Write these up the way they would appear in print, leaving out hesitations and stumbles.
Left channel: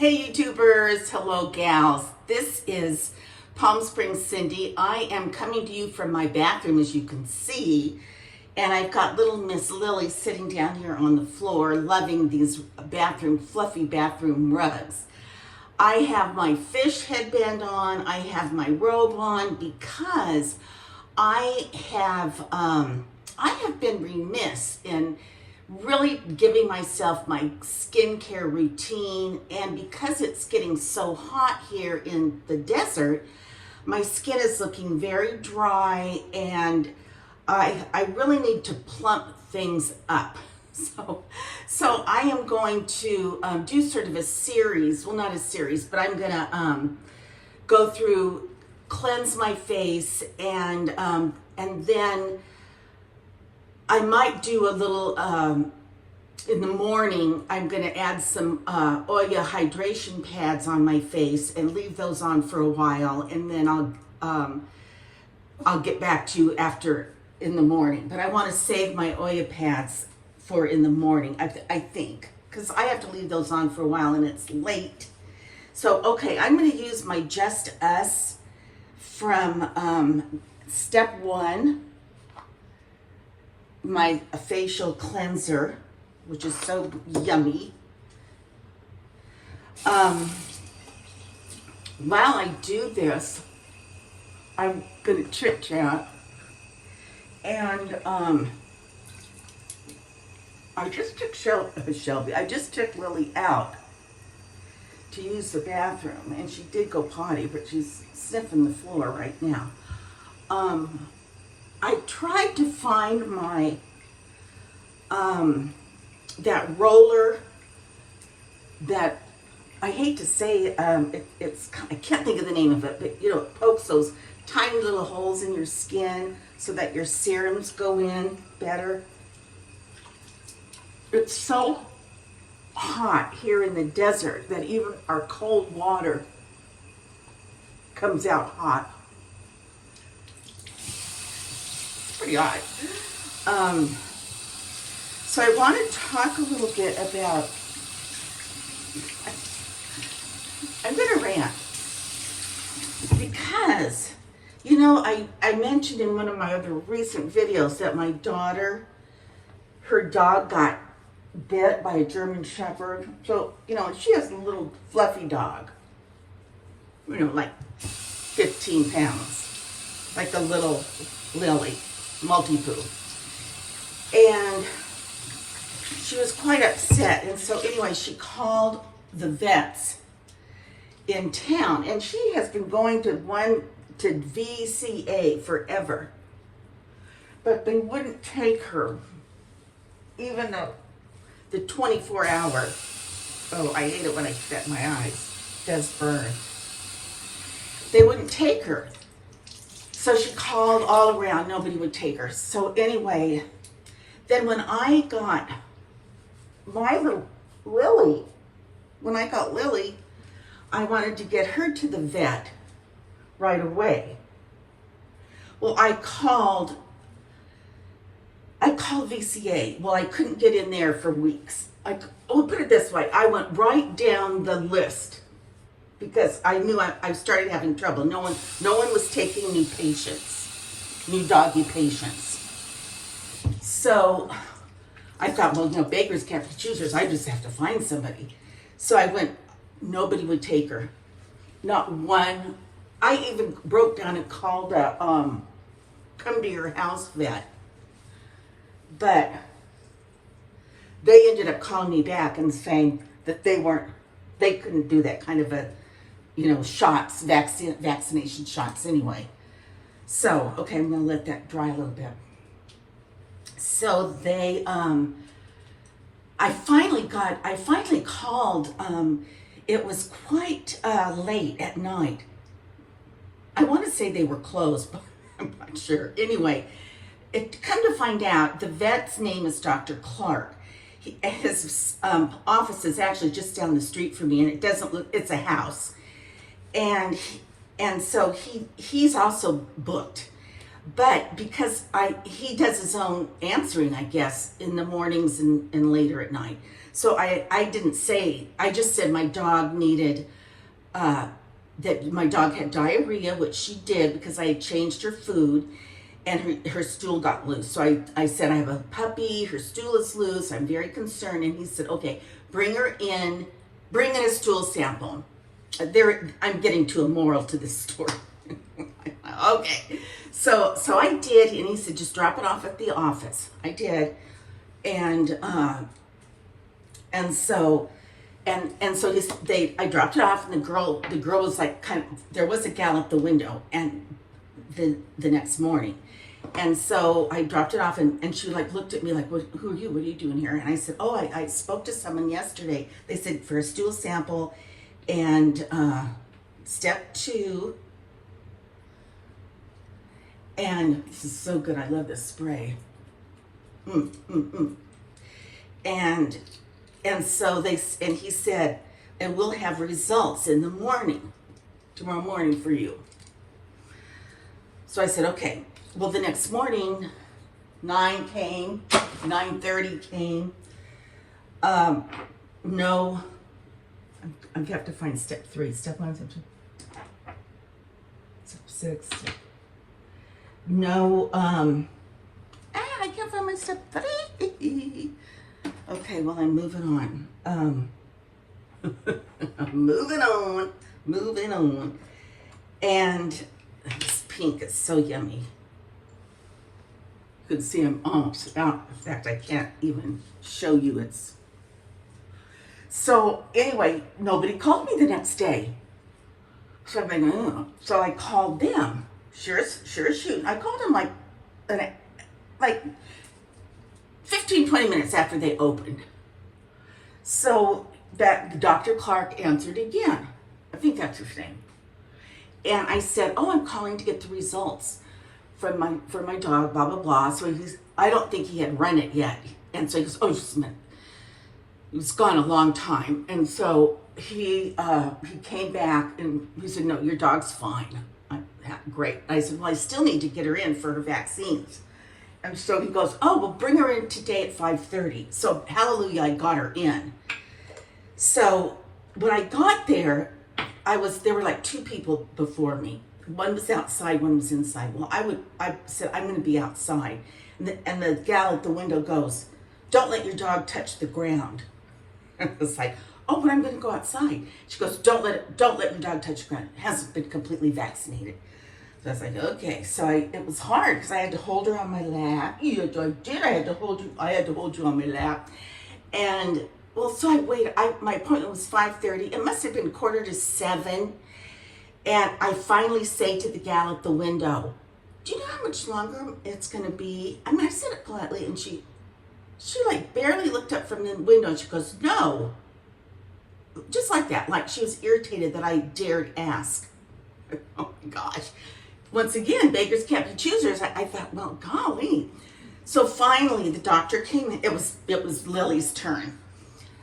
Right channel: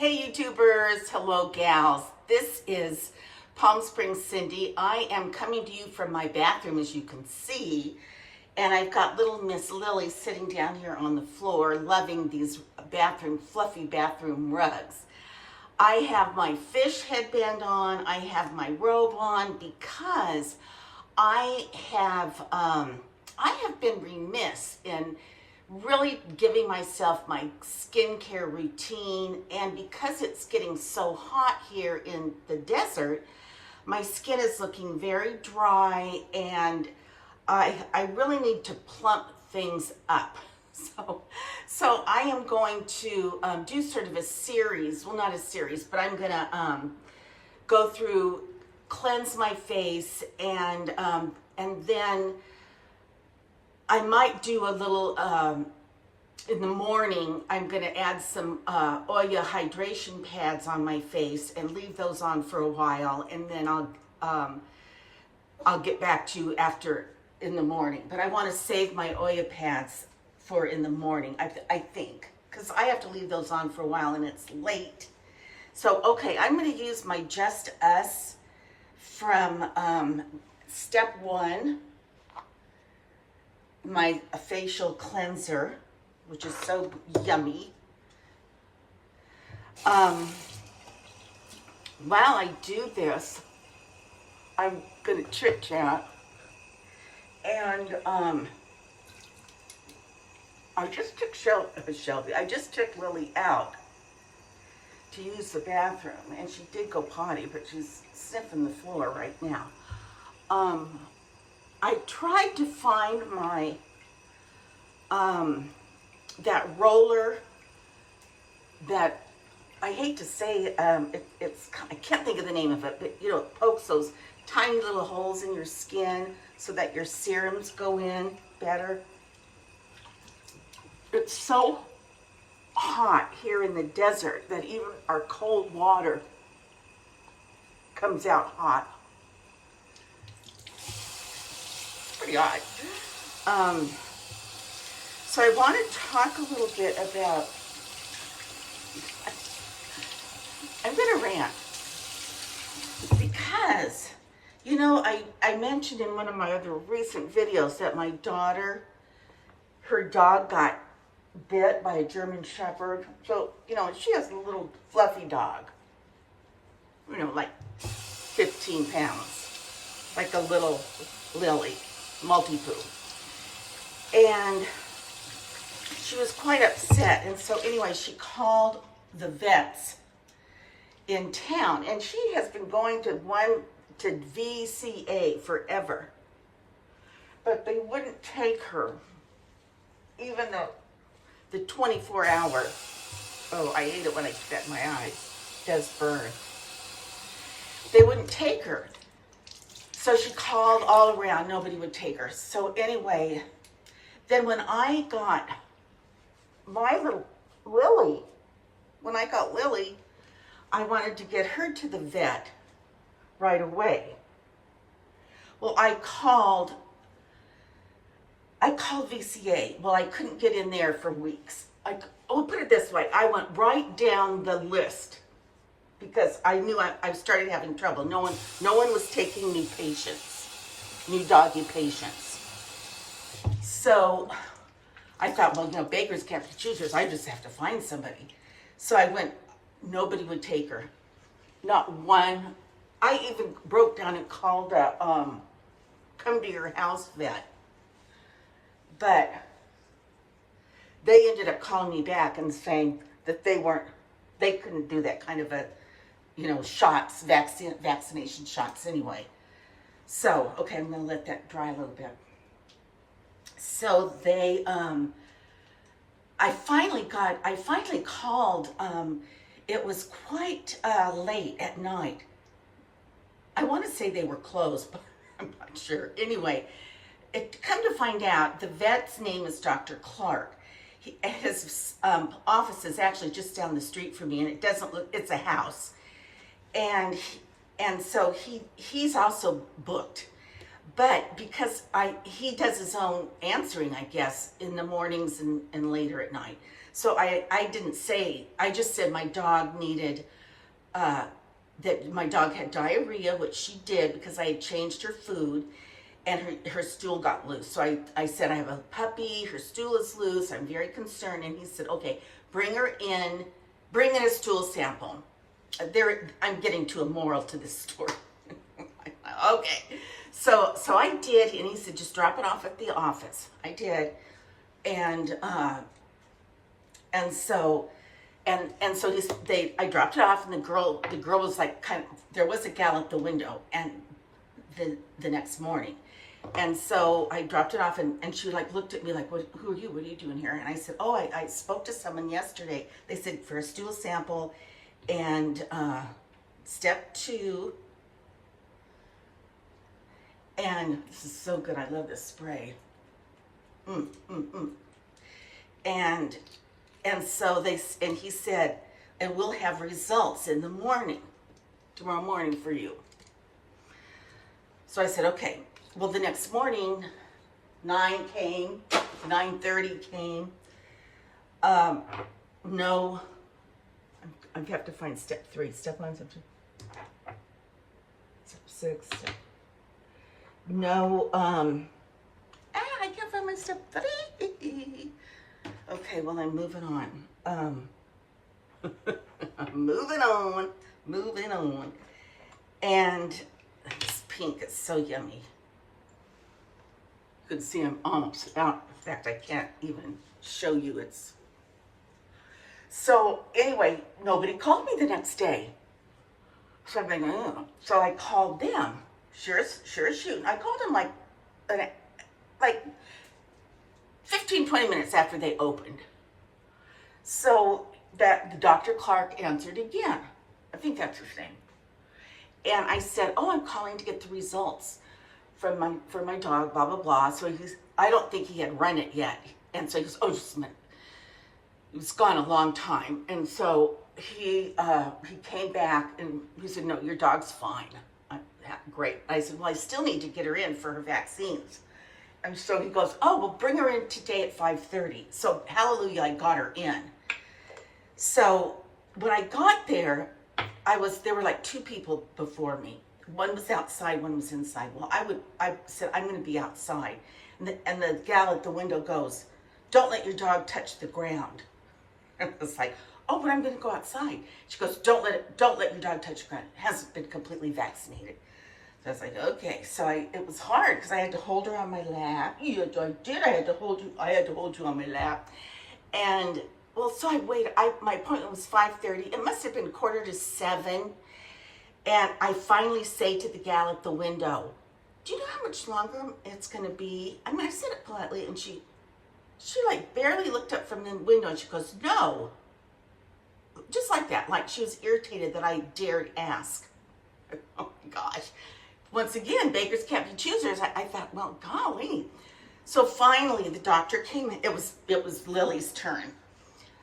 Hey YouTubers, hello gals. This is Palm Springs Cindy. I am coming to you from my bathroom, as you can see, and I've got little Miss Lily sitting down here on the floor loving these fluffy bathroom rugs. I have my fish headband on, I have my robe on because I have been remiss in really giving myself my skincare routine, and because it's getting so hot here in the desert, my skin is looking very dry, and I really need to plump things up. So I am going to do sort of a series, well, not a series, but I'm gonna go through, cleanse my face, and then I might do a little, in the morning, I'm going to add some Oya hydration pads on my face and leave those on for a while, and then I'll get back to you after in the morning. But I want to save my Oya pads for in the morning, I think, because I have to leave those on for a while and it's late. So, okay, I'm going to use my Just Us from Step 1. My facial cleanser, which is so yummy. While I do this, I'm gonna chit chat, and I just took I just took Lily out to use the bathroom, and she did go potty, but she's sniffing the floor right now. I tried to find my, that roller that, I hate to say, I can't think of the name of it, but you know, it pokes those tiny little holes in your skin so that your serums go in better. It's so hot here in the desert that even our cold water comes out hot. Pretty hot. So I want to talk a little bit about, I'm going to rant because, you know, I mentioned in one of my other recent videos that my daughter, her dog got bit by a German Shepherd. So, you know, she has a little fluffy dog, you know, like 15 pounds, like a little Lily. Multi-poo. And she was quite upset, and so anyway, she called the vets in town, and she has been going to VCA forever, but they wouldn't take her even the 24-hour. Oh, I hate it when I set my eyes. It does burn. They wouldn't take her. So she called all around, nobody would take her. So anyway, then when I got my little Lily, I wanted to get her to the vet right away. Well, I called VCA. Well, I couldn't get in there for weeks. Put it this way, I went right down the list, because I knew I started having trouble. No one was taking new patients, new doggy patients. So I thought, well, you know, beggars can't be choosers. I just have to find somebody. So I went, nobody would take her. Not one. I even broke down and called a come to your house vet. But they ended up calling me back and saying that they couldn't do that kind of a, you know, shots, vaccination shots anyway. So, okay, I'm gonna let that dry a little bit. So they, I finally called, it was quite late at night. I want to say they were closed, but I'm not sure. Anyway, come to find out, the vet's name is Dr. Clark. His office is actually just down the street from me, and it doesn't look, it's a house. And so he's also booked. But because he does his own answering, I guess, in the mornings and later at night. So I didn't say, I just said my dog needed, that my dog had diarrhea, which she did because I had changed her food, and her stool got loose. So I said, I have a puppy, her stool is loose, I'm very concerned. And he said, okay, bring in a stool sample. I'm getting to a moral to this story. Okay. So I did, and he said, just drop it off at the office. I did. And so I dropped it off, and the girl was like, there was a gal at the window, and the next morning. And so I dropped it off, and she like looked at me like, who are you? What are you doing here? And I said, oh, I spoke to someone yesterday. They said for a stool sample, and step 2, and this is so good. I love this spray. And so he said, and we'll have results in the morning, tomorrow morning for you. So I said, okay. Well, the next morning, 9 came, 9:30 came. No, I have to find step 3. Step 1, step 2, step 6. No, I can't find my step 3. Okay, well, I'm moving on. Moving on. And this pink is so yummy. You can see I'm almost out. In fact, I can't even show you it's. So anyway, nobody called me the next day. So I'm like, oh. So I called them. Sure as shooting. I called them like 15, 20 minutes after they opened. So that Dr. Clark answered again. I think that's her name. And I said, oh, I'm calling to get the results for my dog, blah, blah, blah. So I don't think he had run it yet. And so he goes, oh, just a minute. It was gone a long time. And so he came back and he said, no, your dog's fine. Great. I said, well, I still need to get her in for her vaccines. And so he goes, oh, well, bring her in today at 5:30. So hallelujah, I got her in. So when I got there, there were like 2 people before me. One was outside, one was inside. Well, I said, I'm going to be outside. And the gal at the window goes, don't let your dog touch the ground. And I was like, oh, but I'm going to go outside. She goes, don't let your dog touch the ground. It hasn't been completely vaccinated. So I was like, okay. So it was hard because I had to hold her on my lap. Yeah, I did. I had to hold you on my lap. And well, so I waited. My appointment was 5:30. It must have been 6:45. And I finally say to the gal at the window, do you know how much longer it's going to be? I mean, I said it politely, and she like barely looked up from the window, and she goes, no. Just like that. Like she was irritated that I dared ask. Oh my gosh. Once again, beggars can't be choosers. I thought, well, golly. So finally the doctor came in. It was Lily's turn.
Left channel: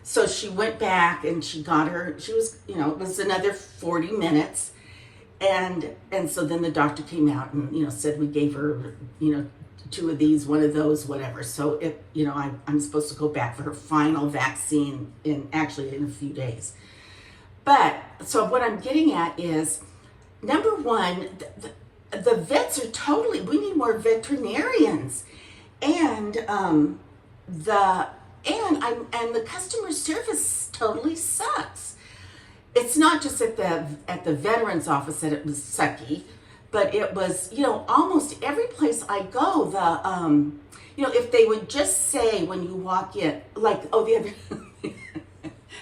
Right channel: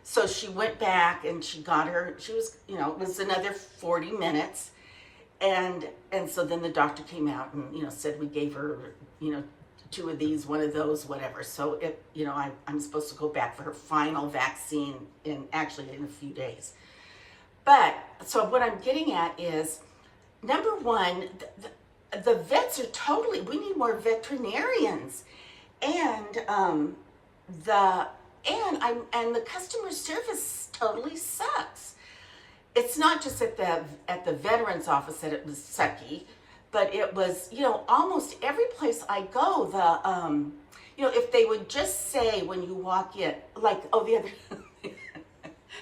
So she went back and she got her, it was another 40 minutes. And so then the doctor came out and, said we gave her, 2 of these, 1 of those, whatever. So I'm supposed to go back for her final vaccine in a few days. But so what I'm getting at is, number 1, the vets are we need more veterinarians. And the customer service totally sucks. It's not just at the veterans office that it was sucky, but it was, almost every place I go, if they would just say when you walk in, like, oh,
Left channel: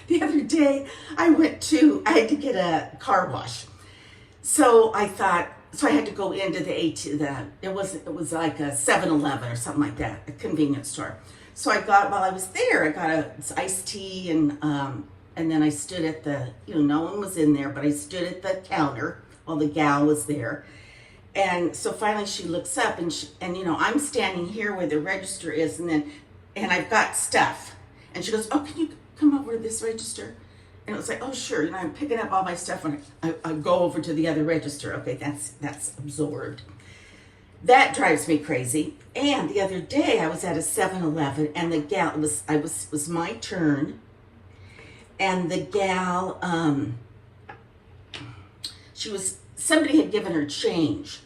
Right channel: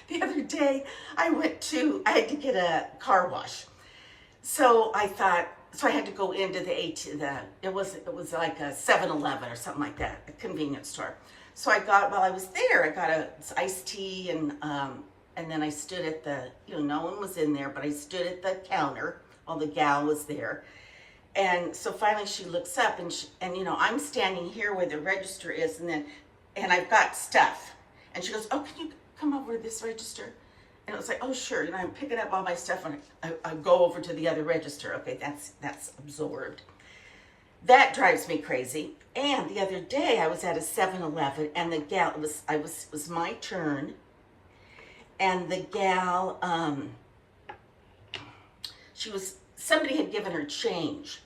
the other day I had to get a car wash. So I thought, I had to go into it was like a 7-Eleven or something like that, a convenience store. So while I was there, I got a iced tea and then I stood at no one was in there, but I stood at the counter while the gal was there. And so finally she looks up and I'm standing here where the register is and I've got stuff. And she goes, oh, can you come over to this register? And it was like, oh, sure. I'm picking up all my stuff and I go over to the other register. Okay, that's absorbed. that drives me crazy. And the other day I was at a 7-Eleven and the gal, it was my turn, and the gal, somebody had given her change.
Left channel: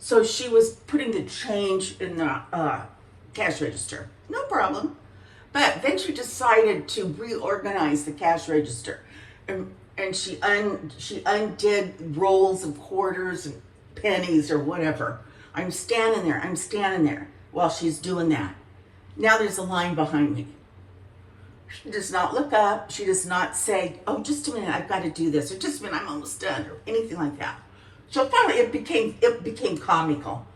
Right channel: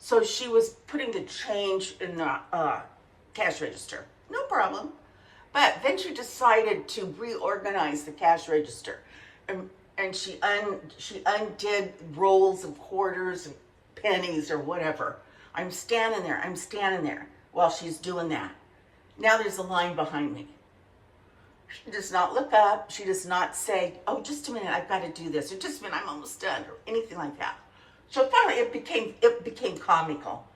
So she was putting the change in the cash register. No problem. But then she decided to reorganize the cash register. And she undid rolls of quarters and pennies or whatever. I'm standing there while she's doing that. Now there's a line behind me. She does not look up. She does not say, oh, just a minute, I've got to do this, or just a minute, I'm almost done, or anything like that. So finally it became comical.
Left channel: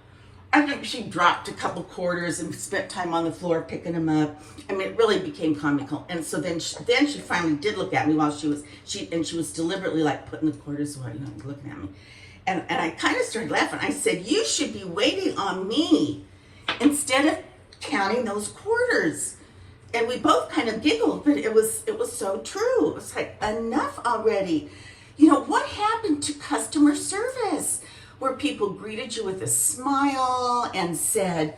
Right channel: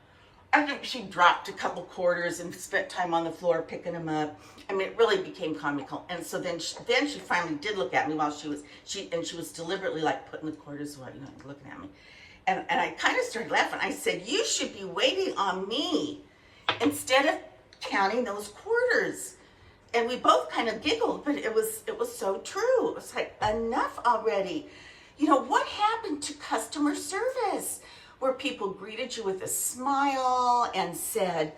I think she dropped a couple quarters and spent time on the floor picking them up. I mean, it really became comical. And so then she finally did look at me while she was deliberately like putting the quarters away, looking at me. And I kind of started laughing. I said, you should be waiting on me instead of counting those quarters. And we both kind of giggled, but it was so true. It was like, enough already. What happened to customer service, where people greeted you with a smile and said,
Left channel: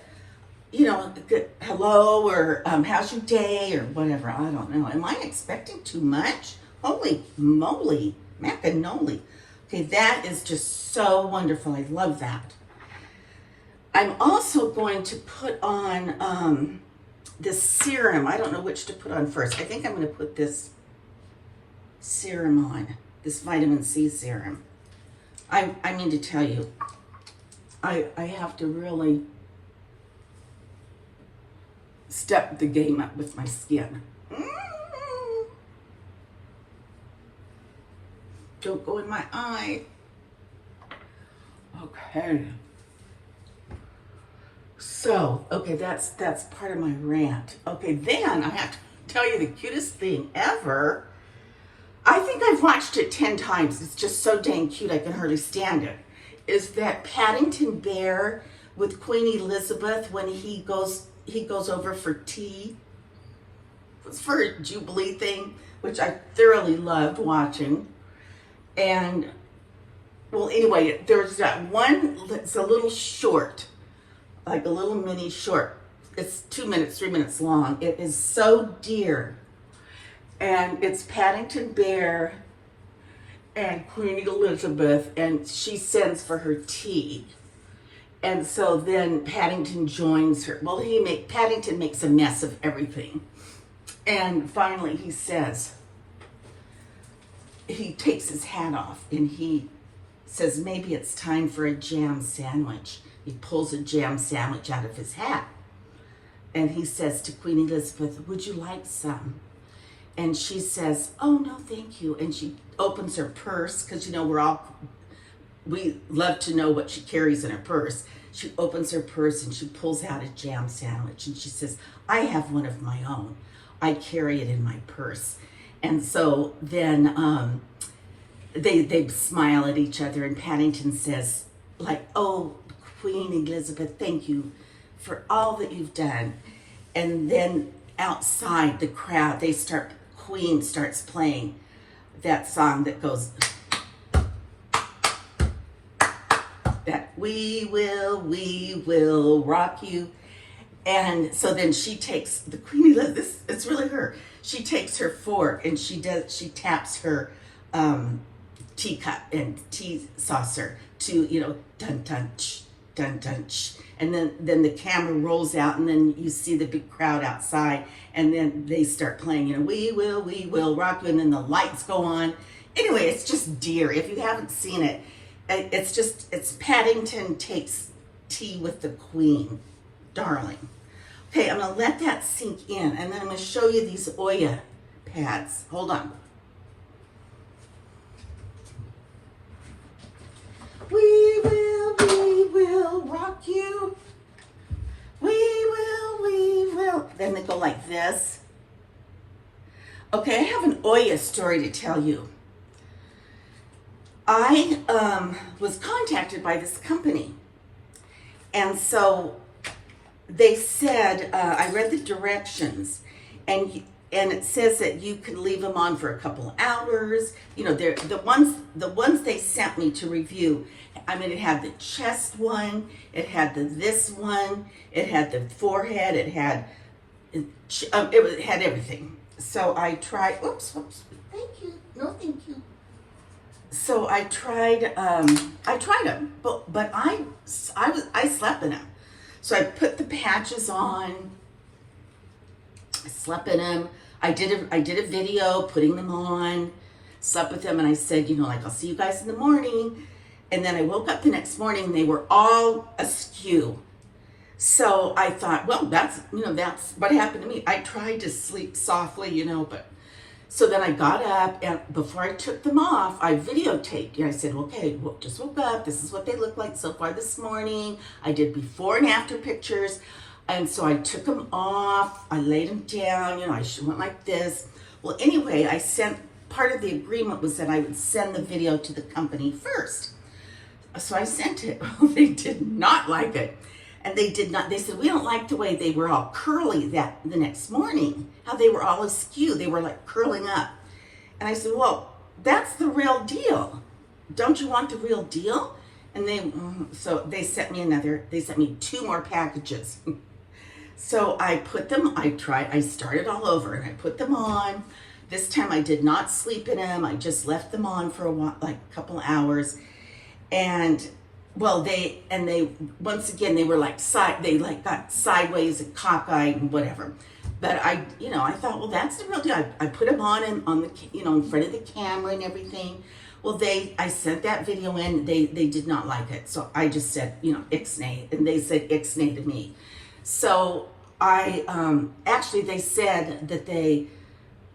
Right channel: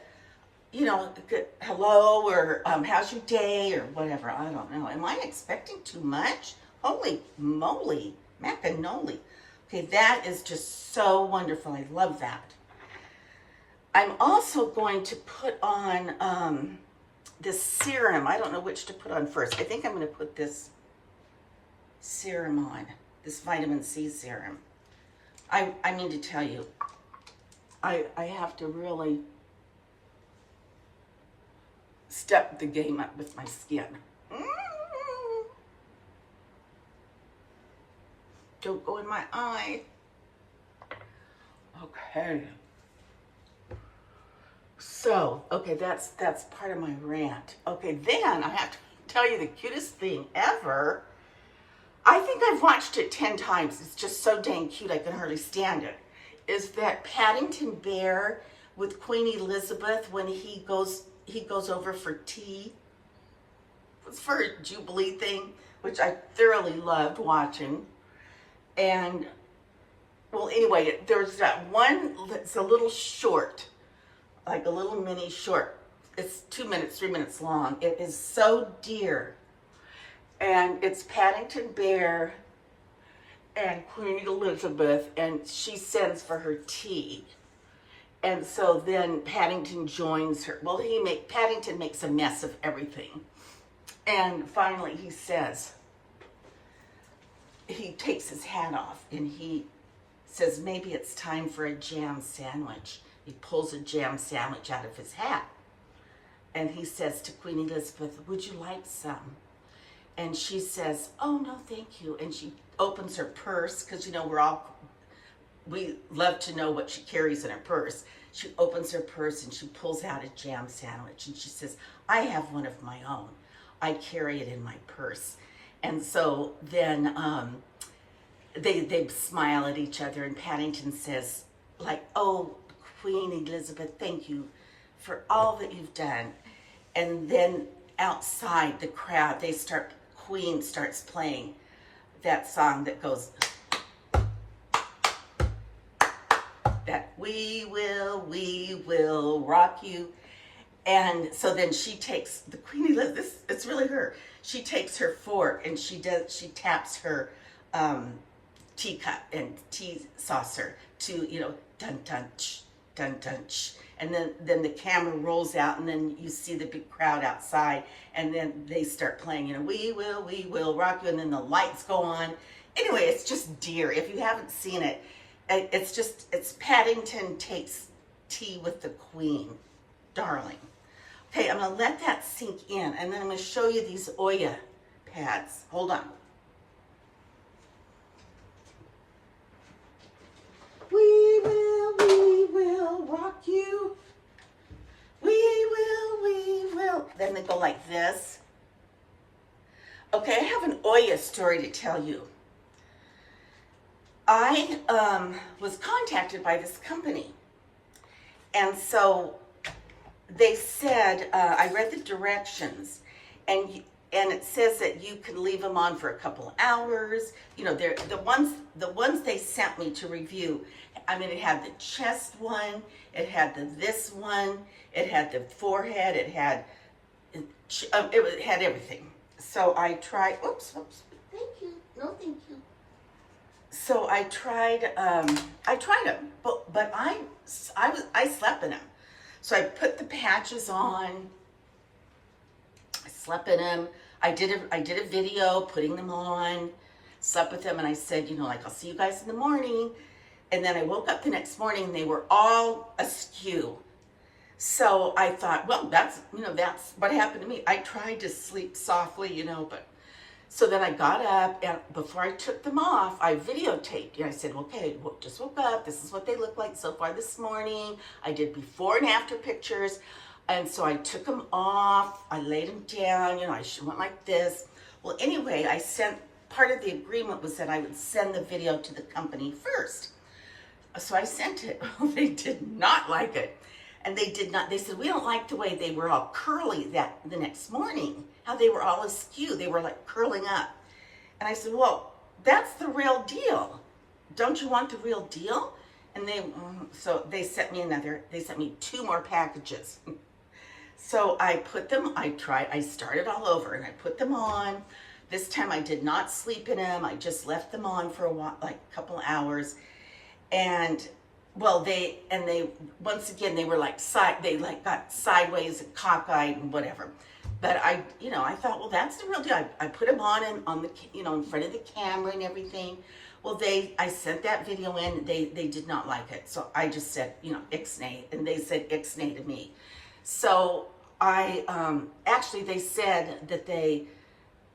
hello, or how's your day, or whatever. I don't know. Am I expecting too much? Holy moly, macanoli. Okay, that is just so wonderful. I love that. I'm also going to put on this serum. I don't know which to put on first. I think I'm going to put this serum on, this vitamin C serum. I mean to tell you, I have to really step the game up with my skin. Don't go in my eye. Okay. So, okay, that's part of my rant. Okay, then I have to tell you the cutest thing ever. I think I've watched it 10 times. It's just so dang cute I can hardly stand it. Is that Paddington Bear with Queen Elizabeth when he goes over for tea? It's for a Jubilee thing, which I thoroughly loved watching. And, well, anyway, there's that one that's a little short, like a little mini short. It's 2 minutes, 3 minutes long. It is so dear. And it's Paddington Bear and Queen Elizabeth, and she sends for her tea. And so then Paddington joins her. Well, Paddington makes a mess of everything. And finally he says, he takes his hat off and he says, maybe it's time for a jam sandwich. He pulls a jam sandwich out of his hat. And he says to Queen Elizabeth, would you like some? And she says, oh, no, thank you. And she opens her purse, because, we love to know what she carries in her purse. She opens her purse and she pulls out a jam sandwich. And she says, I have one of my own. I carry it in my purse. And so then they smile at each other. And Paddington says, oh, Queen Elizabeth, thank you for all that you've done. And then outside the crowd, Queen starts playing that song that goes, that we will rock you. And so then she takes, the Queen Elizabeth, it's really her. She takes her fork and she taps her teacup and tea saucer to, dun dun ch, dun dun ch. And then the camera rolls out and then you see the big crowd outside and then they start playing, we will rock you. And then the lights go on. Anyway, it's just dear. If you haven't seen it, it's Paddington takes tea with the Queen. Darling. Okay, I'm going to let that sink in, and then I'm going to show you these Oya Pads. Hold on. We will rock you. We will. Then they go like this. Okay, I have an Oya story to tell you. I was contacted by this company, and so they said, I read the directions, and and it says that you can leave them on for a couple of hours. You know, they're the ones they sent me to review. I mean, it had the chest one, it had this one, it had the forehead, it had everything. So I tried. Oops. Thank you. No, thank you. So I tried them, but I slept in them. So I put the patches on. I slept in them. I did a video putting them on, slept with them, and I said, you know, like, I'll see you guys in the morning. And then I woke up the next morning, and they were all askew. So I thought, well, that's what happened to me. I tried to sleep softly, you know, but so then I got up, and before I took them off, I videotaped. And I said, okay, well, just woke up. This is what they look like so far this morning. I did before and after pictures. And so I took them off. I laid them down. You know, I went like this. Well, anyway, part of the agreement was that I would send the video to the company first. So I sent it. They did not like it. And they said, we don't like the way they were all curly the next morning, how they were all askew. They were like curling up. And I said, well, that's the real deal. Don't you want the real deal? And they sent me 2 more packages. So I put them, I started all over and I put them on. This time I did not sleep in them. I just left them on for a while, like a couple of hours. And well, they once again, they were like got sideways and cockeyed and whatever. But I thought, well, that's the real deal. I put them on the, in front of the camera and everything. Well, I sent that video in. They did not like it. So I just said, ixnay, and they said ixnay to me. So actually they said that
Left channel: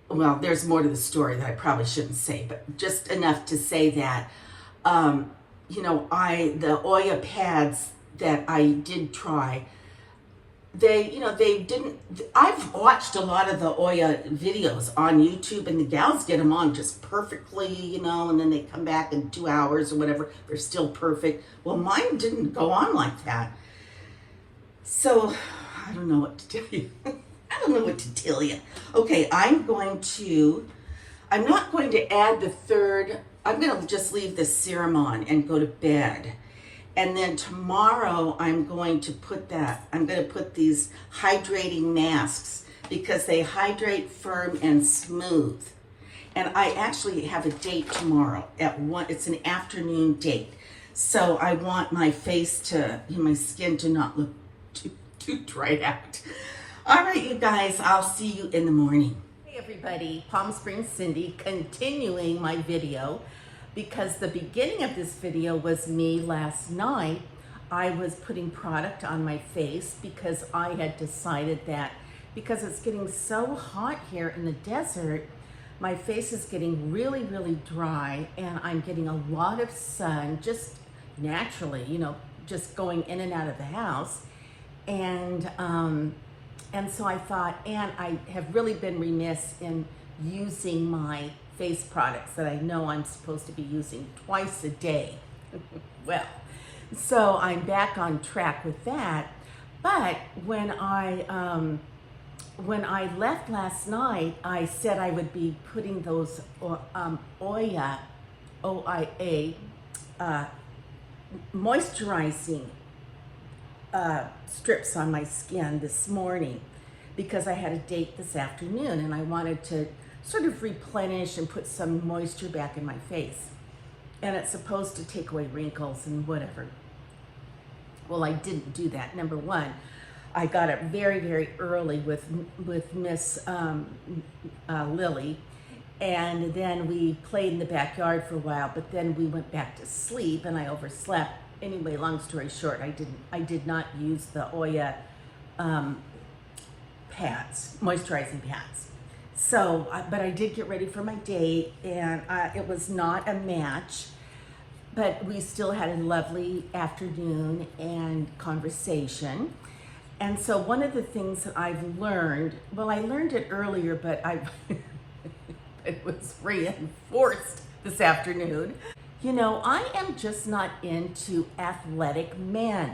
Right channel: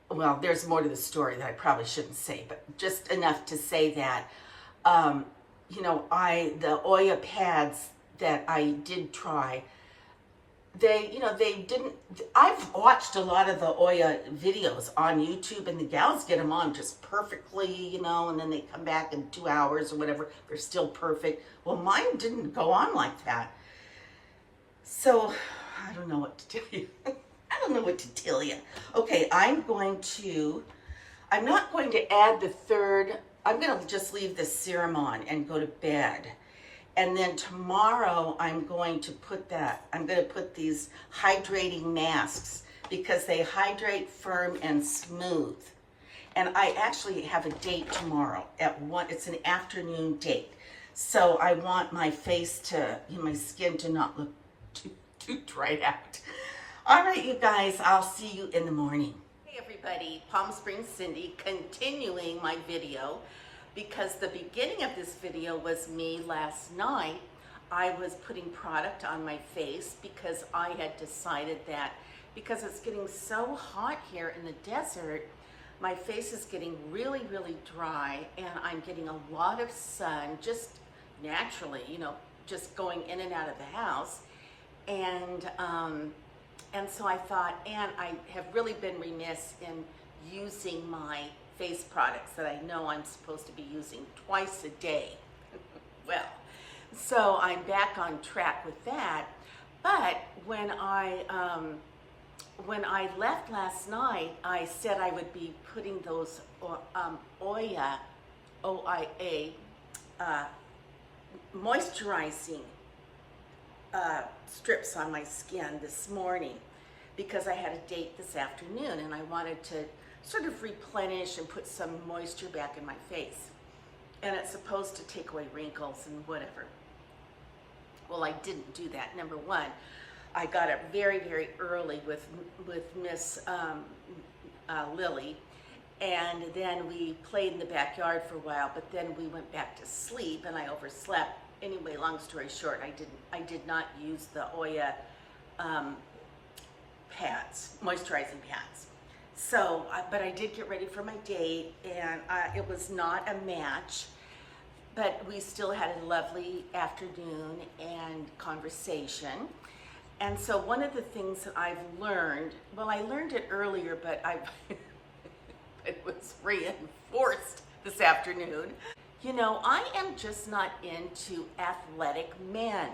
well, there's more to the story that I probably shouldn't say, but just enough to say that, the Oya Pads that I did try, I've watched a lot of the Oya videos on YouTube, and the gals get them on just perfectly, and then they come back in 2 hours or whatever. They're still perfect. Well, mine didn't go on like that. So I don't know what to tell you. I don't know what to tell you. Okay, I'm not going to add the third. I'm going to just leave the serum on and go to bed. And then tomorrow I'm going to put these hydrating masks because they hydrate, firm, and smooth. And I actually have a date tomorrow at 1. It's an afternoon date. So I want my face my skin to not look too dried out. All right, you guys, I'll see you in the morning. Hey everybody, Palm Springs Cindy, continuing my video, because the beginning of this video was me last night. I was putting product on my face because I had decided that because it's getting so hot here in the desert, my face is getting really, really dry, and I'm getting a lot of sun just naturally, just going in and out of the house. And so I thought, and I have really been remiss in using my face products that I know I'm supposed to be using twice a day. Well, so I'm back on track with that. But when I left last night, I said I would be putting those Oya moisturizing strips on my skin this morning because I had a date this afternoon and I wanted to sort of replenish and put some moisture back in my face. And it's supposed to take away wrinkles and whatever. Well, I didn't do that. Number one, I got up very, very early with Miss Lily, and then we played in the backyard for a while, but then we went back to sleep and I overslept. Anyway, long story short, I did not use the Oya pads, moisturizing pads. So, but I did get ready for my date, and it was not a match, but we still had a lovely afternoon and conversation. And so one of the things that I've learned, well, I learned it earlier, but it was reinforced this afternoon. I am just not into athletic men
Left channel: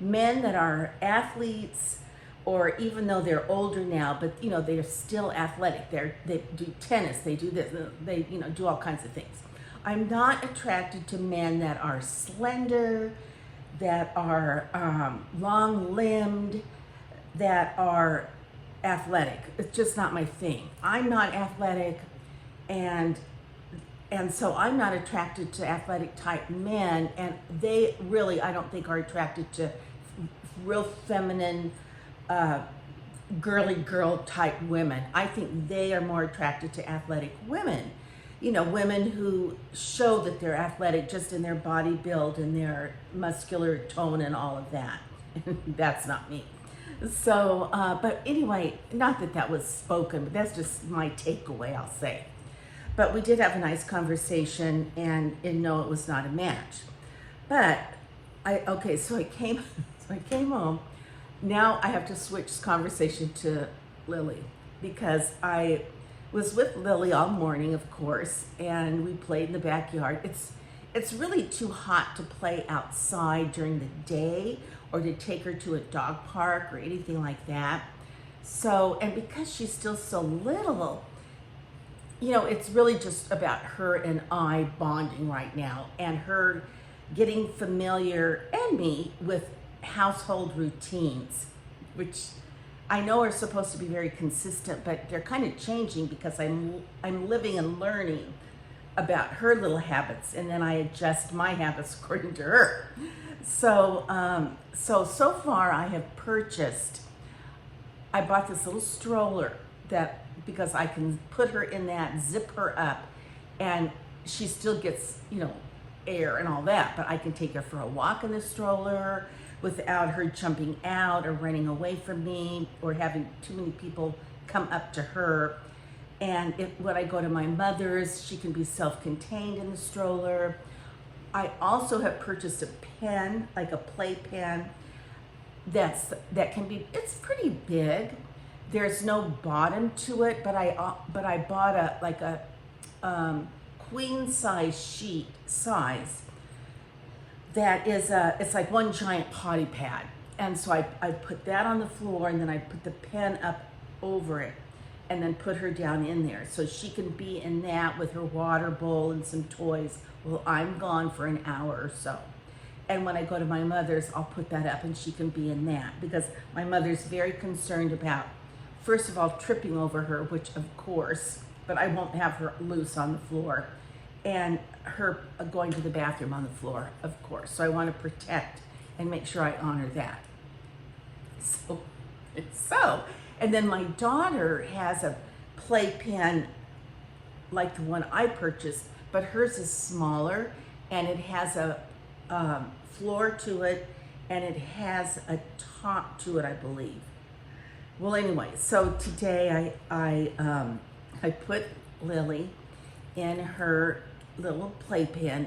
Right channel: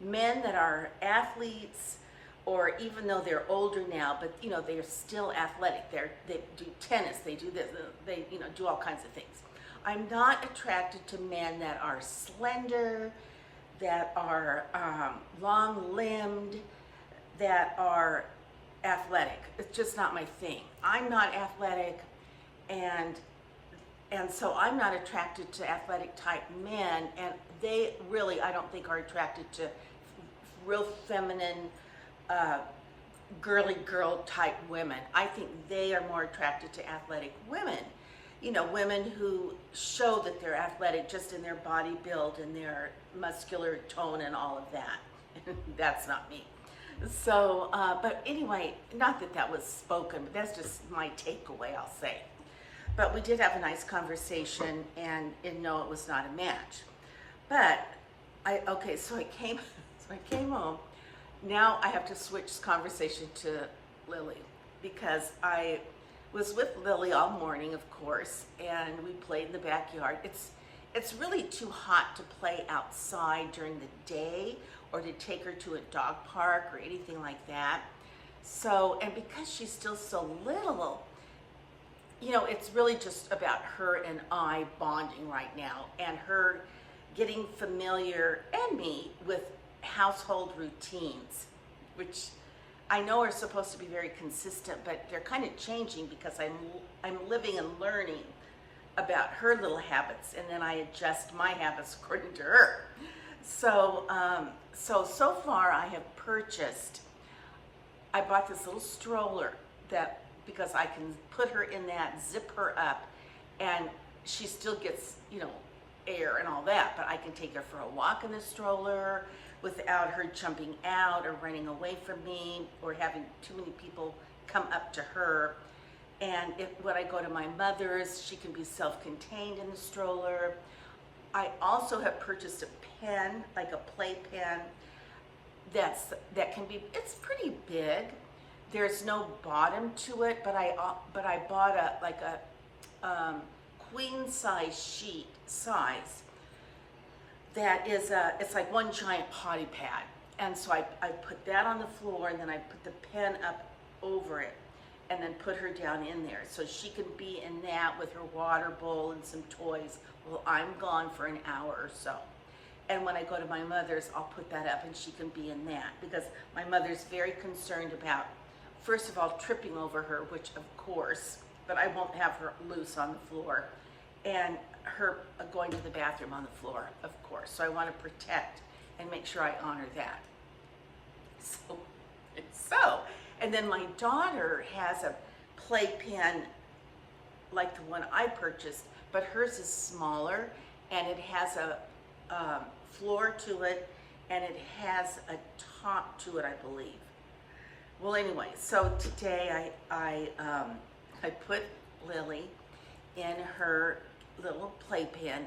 that are athletes or even though they're older now, but you know, they're still athletic. They do tennis, they do this, they, you know, do all kinds of things. I'm not attracted to men that are slender, that are long-limbed, that are athletic. It's just not my thing. I'm not athletic, and so I'm not attracted to athletic type men, and they really, I don't think, are attracted to real feminine, girly girl type women. I think they are more attracted to athletic women. You know, women who show that they're athletic just in their body build and their muscular tone and all of that. That's not me. So, but anyway, not that that was spoken, but that's just my takeaway, I'll say. But we did have a nice conversation, and no, it was not a match. But so I came home. Now I have to switch conversation to Lily, because I was with Lily all morning, of course, and we played in the backyard. It's really too hot to play outside during the day or to take her to a dog park or anything like that. So, and because she's still so little, you know, it's really just about her and I bonding right now, and her getting familiar, and me, with household routines, which I know are supposed to be very consistent, but they're kind of changing because I'm living and learning about her little habits, and then I adjust my habits according to her. So so far I have purchased, I bought this little stroller that, because I can put her in that, zip her up, and she still gets, you know, air and all that, but I can take her for a walk in the stroller without her jumping out or running away from me or having too many people come up to her. And when I go to my mother's, she can be self-contained in the stroller. I also have purchased a pen, like a play pen, that can be, it's pretty big. There's no bottom to it, but I bought a queen size sheet size that is it's like one giant potty pad. And so I put that on the floor, and then I put the pen up over it, and then put her down in there so she can be in that with her water bowl and some toys while I'm gone for an hour or so. And when I go to my mother's, I'll put that up and she can be in that, because my mother's very concerned about, first of all, tripping over her, which of course, but I won't have her loose on the floor, and her going to the bathroom on the floor, of course. So I want to protect and make sure I honor that. So, and then my daughter has a playpen like the one I purchased, but hers is smaller, and it has a floor to it, and it has a top to it, I believe. Well, anyway, so today I put Lily in her little playpen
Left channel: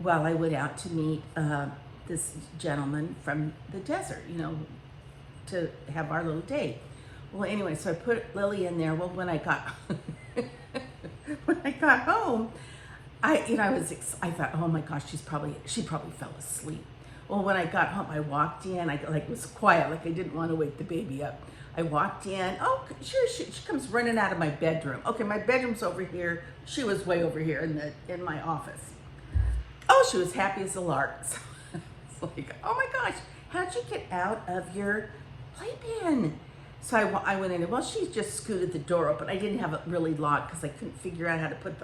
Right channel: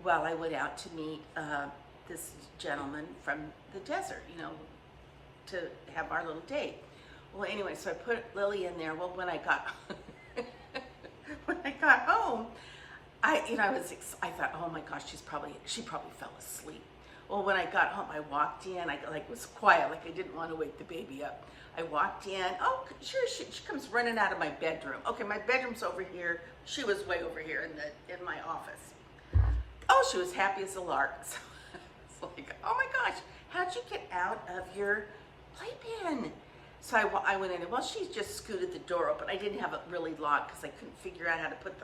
while I went out to meet this gentleman from the desert, you know, to have our little date. Well, anyway, so I put Lily in there. Well, when I got home, I thought, oh my gosh, she probably fell asleep. Well, when I got home, I walked in. I was quiet, like I didn't want to wake the baby up. I walked in. Oh, sure, she comes running out of my bedroom. Okay, my bedroom's over here. She was way over here in my office. Oh, she was happy as a lark. So it's like, oh my gosh, how'd you get out of your playpen? So I went in, and well, she just scooted the door open. I didn't have it really locked because I couldn't figure out how to put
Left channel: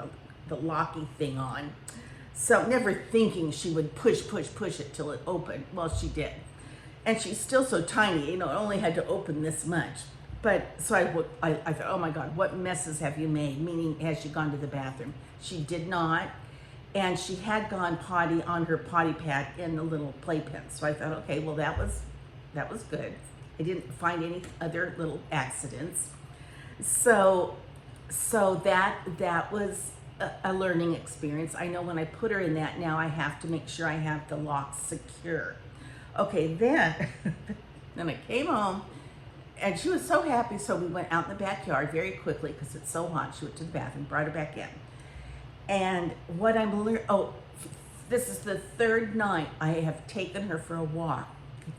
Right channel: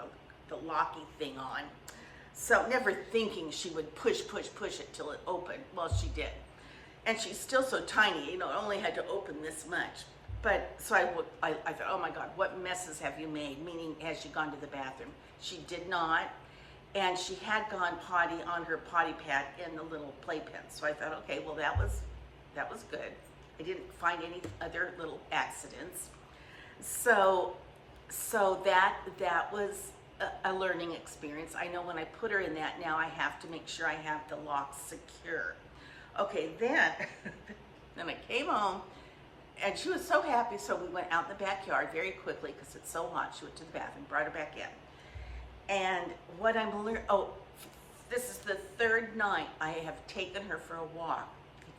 the locking thing on. So never thinking she would push it till it opened. Well, she did. And she's still so tiny, you know, it only had to open this much. But so I thought, oh my God, what messes have you made? Meaning, has she gone to the bathroom? She did not. And she had gone potty on her potty pad in the little playpen. So I thought, okay, well, that was good. I didn't find any other little accidents. So that was a learning experience. I know when I put her in that, now I have to make sure I have the lock secure. Okay, then I came home, and she was so happy, so we went out in the backyard very quickly because it's so hot. She went to the bathroom, brought her back in. And what I'm learning, this is the third night I have taken her for a walk.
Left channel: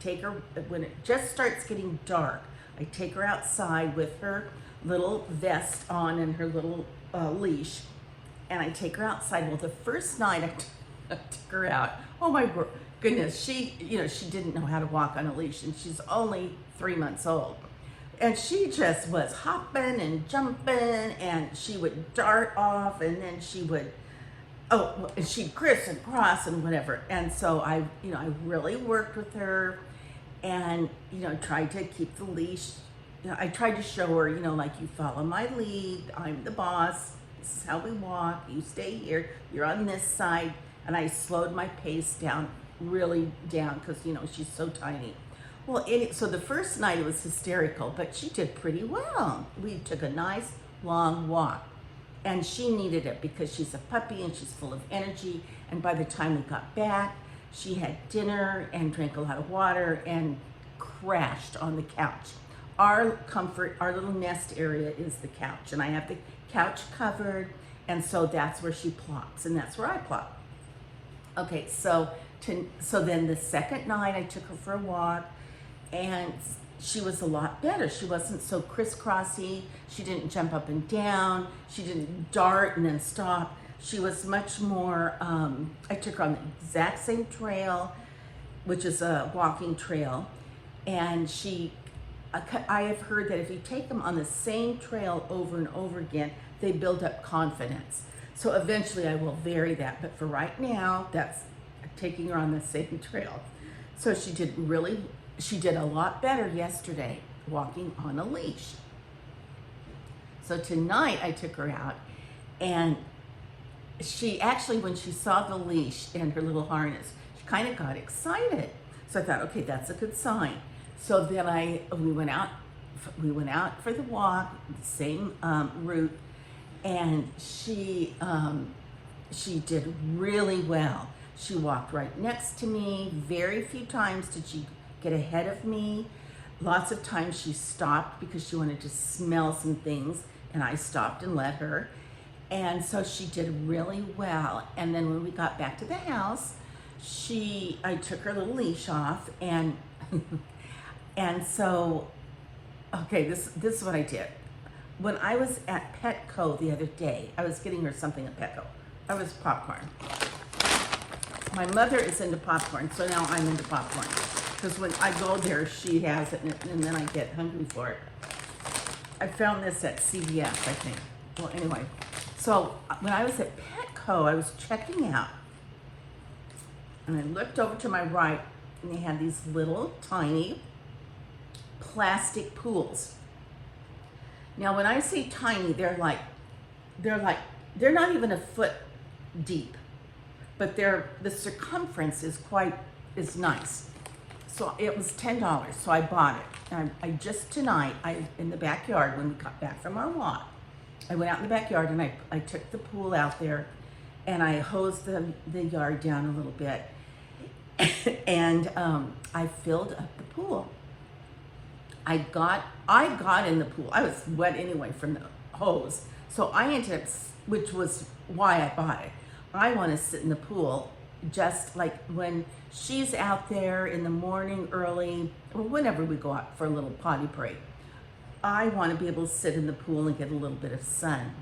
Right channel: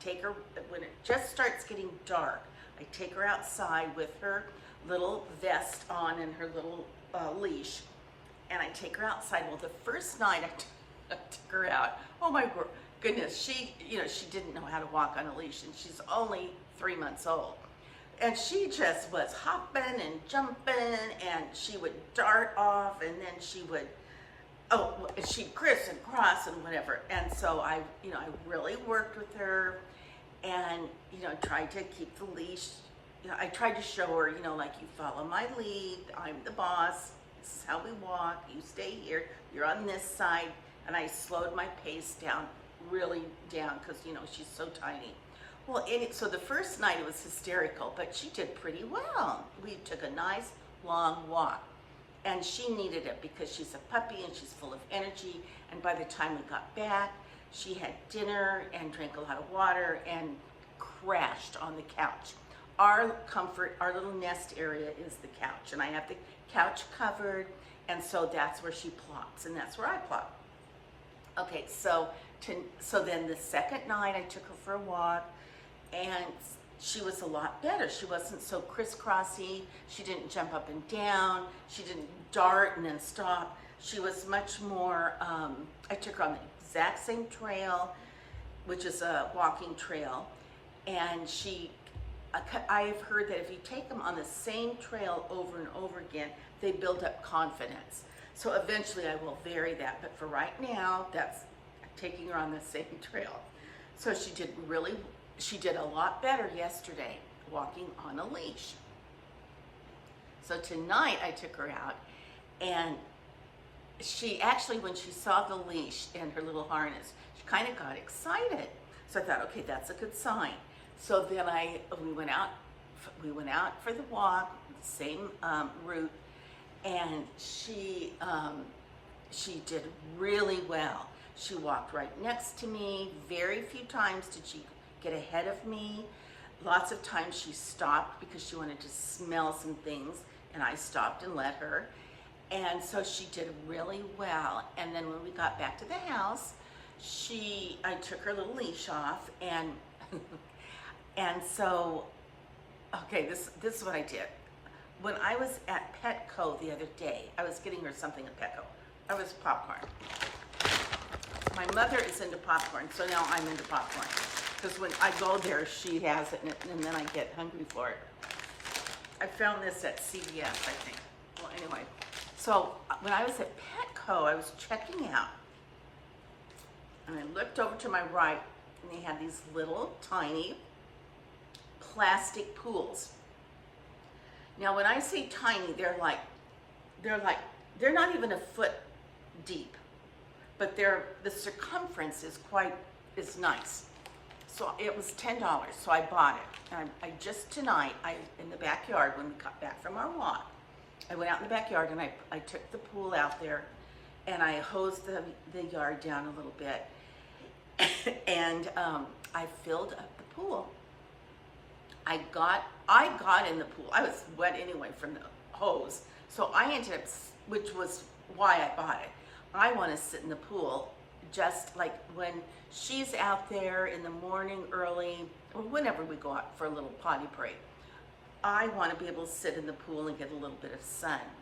take her, when it just starts getting dark, I take her outside with her little vest on and her little leash, and I take her outside. Well, the first night I took her out, oh my goodness, she didn't know how to walk on a leash, and she's only 3 months old. And she just was hopping and jumping, and she would dart off, and then she would, she'd criss and cross and whatever. And so I really worked with her and, tried to keep the leash. I tried to show her, like, you follow my lead, I'm the boss, this is how we walk, you stay here, you're on this side. And I slowed my pace down, really down, because, she's so tiny. Well, so the first night it was hysterical, but she did pretty well. We took a nice long walk, and she needed it because she's a puppy and she's full of energy. And by the time we got back, she had dinner and drank a lot of water and crashed on the couch. Our comfort, our little nest area is the couch, and I have the couch covered, and so that's where she plops, and that's where I plop. Okay, so then the second night I took her for a walk, and she was a lot better. She wasn't so crisscrossy. She didn't jump up and down. She didn't dart and then stop. She was much more, I took her on the exact same trail, which is a walking trail, and I have heard that if you take them on the same trail over and over again, they build up confidence. So eventually I will vary that, but for right now, that's taking her on the same trail. So she did a lot better yesterday walking on a leash. So tonight I took her out, and she actually, when she saw the leash and her little harness, she kind of got excited. So I thought, okay, that's a good sign. So then we went out for the walk, same route, and she did really well. She walked right next to me. Very few times did she get ahead of me. Lots of times she stopped because she wanted to smell some things, and I stopped and let her. And so she did really well. And then when we got back to the house, I took her little leash off, and so, okay, this is what I did. When I was at Petco the other day, I was getting her something at Petco. I was popcorn. My mother is into popcorn, so now I'm into popcorn. Because when I go there, she has it, and then I get hungry for it. I found this at CVS, I think. Well, anyway, so when I was at Petco, I was checking out, and I looked over to my right, and they had these little tiny plastic pools. Now, when I say tiny, they're not even a foot deep, but the circumference is nice. So it was $10, so I bought it. And I just tonight, in the backyard, when we got back from our walk, I went out in the backyard and I took the pool out there, and I hosed the yard down a little bit, and I filled up the pool. I got in the pool. I was wet anyway from the hose. So I ended up, which was why I bought it. I want to sit in the pool just like when she's out there in the morning early, or whenever we go out for a little potty break. I want to be able to sit in the pool and get a little bit of sun.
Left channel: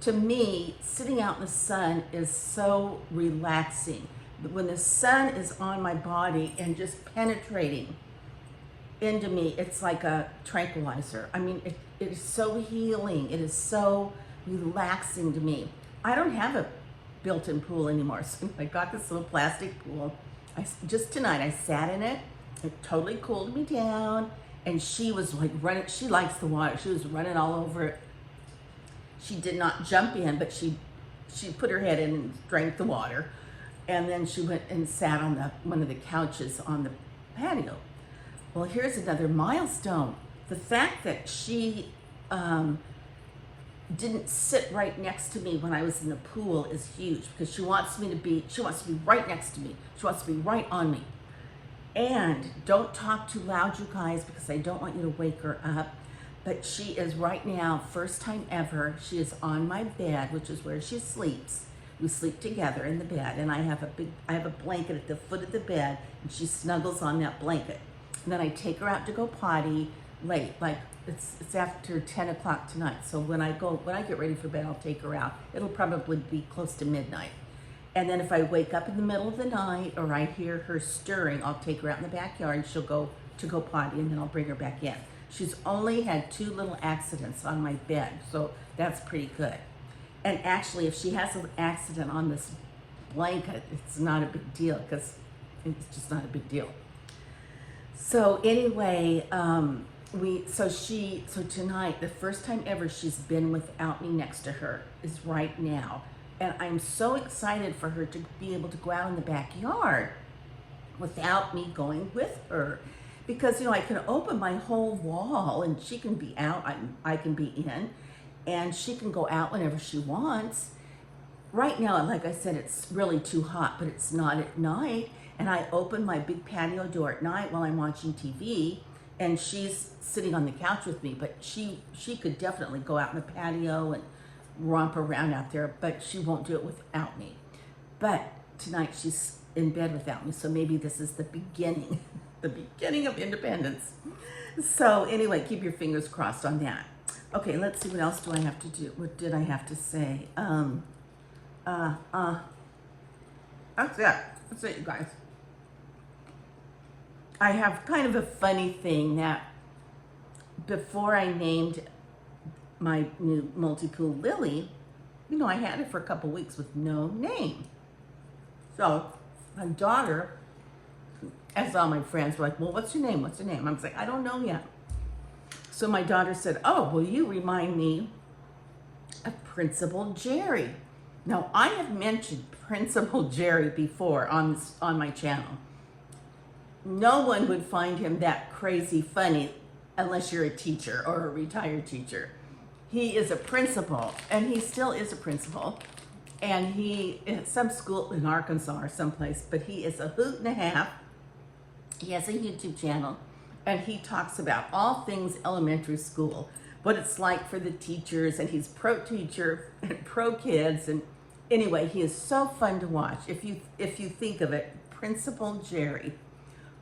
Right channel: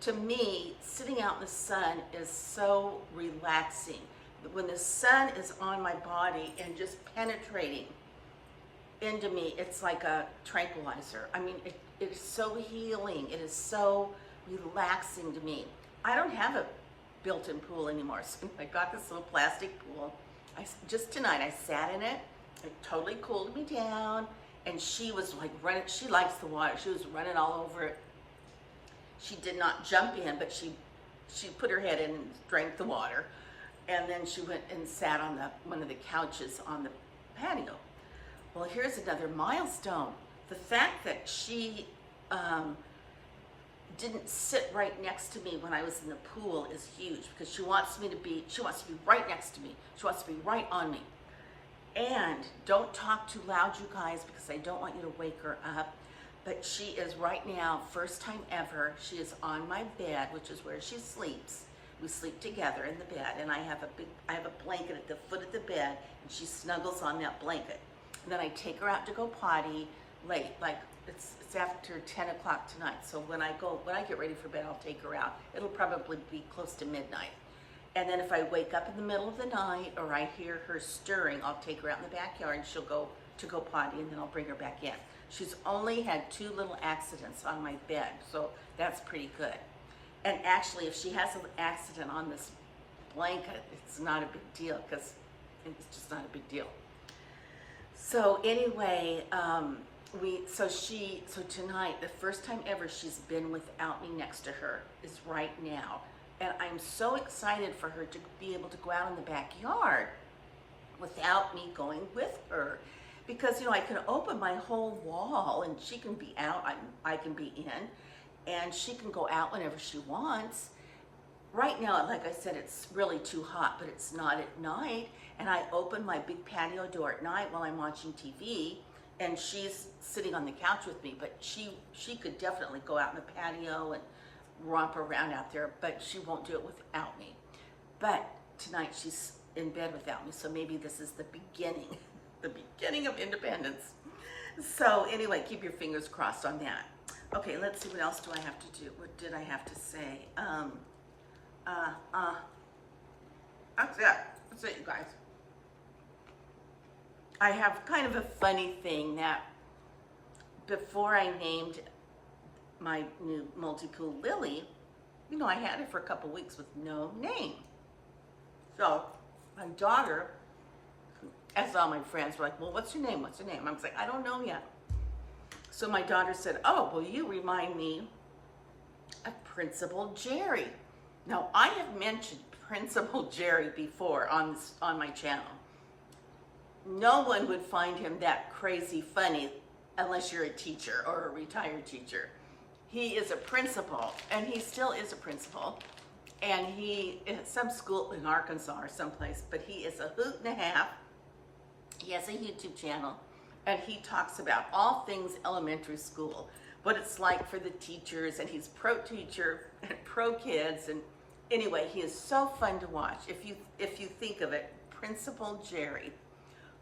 To me, sitting out in the sun is so relaxing. When the sun is on my body and just penetrating into me, it's like a tranquilizer. I mean, it is so healing. It is so relaxing to me. I don't have a built-in pool anymore, so I got this little plastic pool. Just tonight, I sat in it. It totally cooled me down, and she was like running. She likes the water. She was running all over it. She did not jump in, but she put her head in and drank the water, and then she went and sat on one of the couches on the patio. Well, here's another milestone. The fact that she didn't sit right next to me when I was in the pool is huge, because she wants to be right next to me. She wants to be right on me. And don't talk too loud, you guys, because I don't want you to wake her up. But she is right now, first time ever, she is on my bed, which is where she sleeps. We sleep together in the bed, and I have a blanket at the foot of the bed, and she snuggles on that blanket. And then I take her out to go potty late, like it's after 10 o'clock tonight. So when I get ready for bed, I'll take her out. It'll probably be close to midnight. And then if I wake up in the middle of the night or I hear her stirring, I'll take her out in the backyard and she'll go potty, and then I'll bring her back in. She's only had 2 little accidents on my bed, so that's pretty good. And actually, if she has an accident on this blanket, it's not a big deal, because it's just not a big deal. So anyway, so tonight, the first time ever she's been without me next to her is right now. And I'm so excited for her to be able to go out in the backyard without me going with her. Because, I can open my whole wall and she can be out, I can be in, and she can go out whenever she wants. Right now, like I said, it's really too hot, but it's not at night. And I open my big patio door at night while I'm watching TV, and she's sitting on the couch with me, but she could definitely go out in the patio and romp around out there, but she won't do it without me. But tonight she's in bed without me, so maybe this is the beginning, the beginning of independence. So anyway, keep your fingers crossed on that. Okay, let's see, what else do I have to do? What did I have to say? That's it, you guys. I have kind of a funny thing that before I named my new multi-pool Lily, I had it for a couple weeks with no name. So my daughter, as all my friends were like, well, what's your name? What's your name? I was like, I don't know yet. So my daughter said, oh, well, you remind me of Principal Jerry. Now, I have mentioned Principal Jerry before on my channel. No one would find him that crazy funny unless you're a teacher or a retired teacher. He is a principal, and he still is a principal. And he, at some school in Arkansas or someplace, but he is a hoot and a half. He has a YouTube channel, and he talks about all things elementary school, what it's like for the teachers, and he's pro teacher and pro kids. And anyway, he is so fun to watch. If you think of it, Principal Jerry.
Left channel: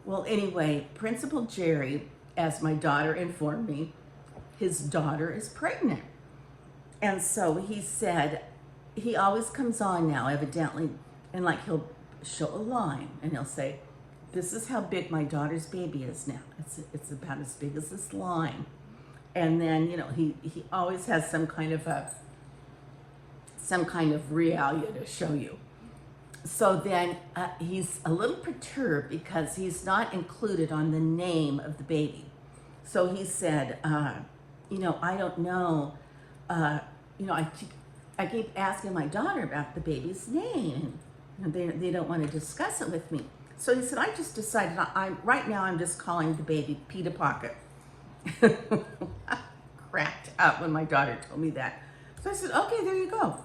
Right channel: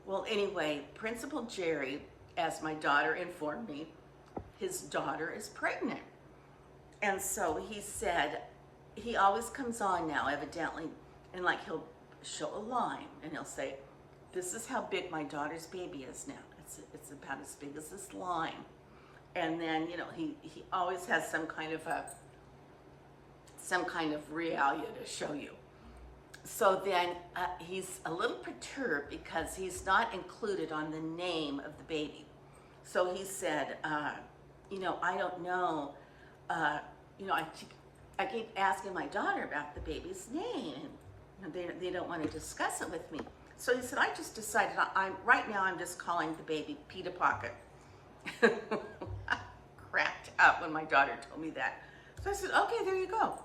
Well, anyway, Principal Jerry, as my daughter informed me, his daughter is pregnant. And so he said, he always comes on now, evidently, and like he'll show a line and he'll say, this is how big my daughter's baby is now. It's about as big as this line. And then, he always has some kind of reality to show you. So then he's a little perturbed because he's not included on the name of the baby. So he said, I don't know, I keep asking my daughter about the baby's name, and they don't want to discuss it with me. So he said, I just decided, right now I'm just calling the baby Peter Pocket. I cracked up when my daughter told me that. So I said, okay, there you go.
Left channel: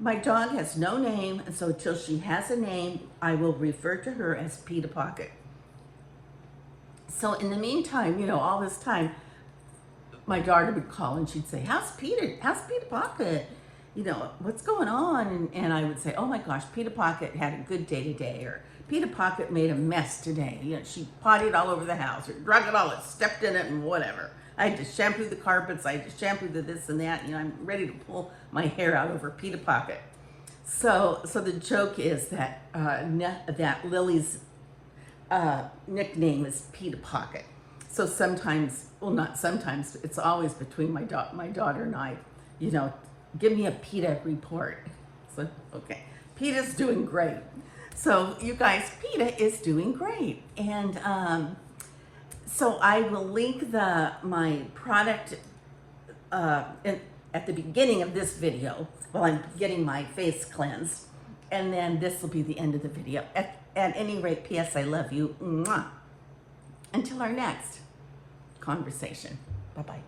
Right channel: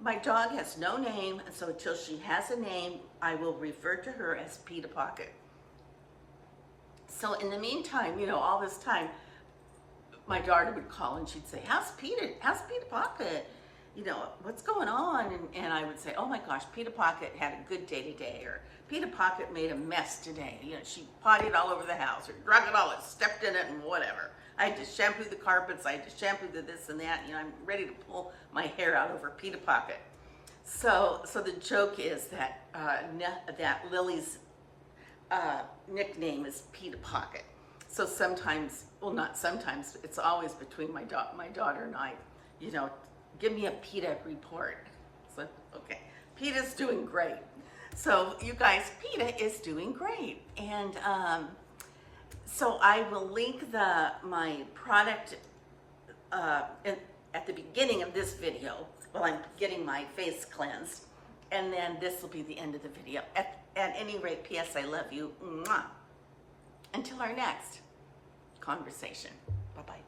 My dog has no name, and so until she has a name, I will refer to her as Peter Pocket. So in the meantime, all this time, my daughter would call and she'd say, how's Peter Pocket? What's going on? And I would say, oh my gosh, Peter Pocket had a good day today, or Peter Pocket made a mess today. She pottied all over the house, or drug it all, it stepped in it, and whatever. I had to shampoo the carpets, I had to shampoo the this and that. I'm ready to pull my hair out over Peter Pocket. So the joke is that that Lily's nickname is Peter Pocket. So sometimes, well, not sometimes, it's always between my daughter and I, give me a PETA report. So, okay, PETA's doing great. So you guys, PETA is doing great. And so I will link my product at the beginning of this video while I'm getting my face cleansed. And then this will be the end of the video. At any rate, P.S. I love you. Mwah. Until our next conversation. Bye-bye.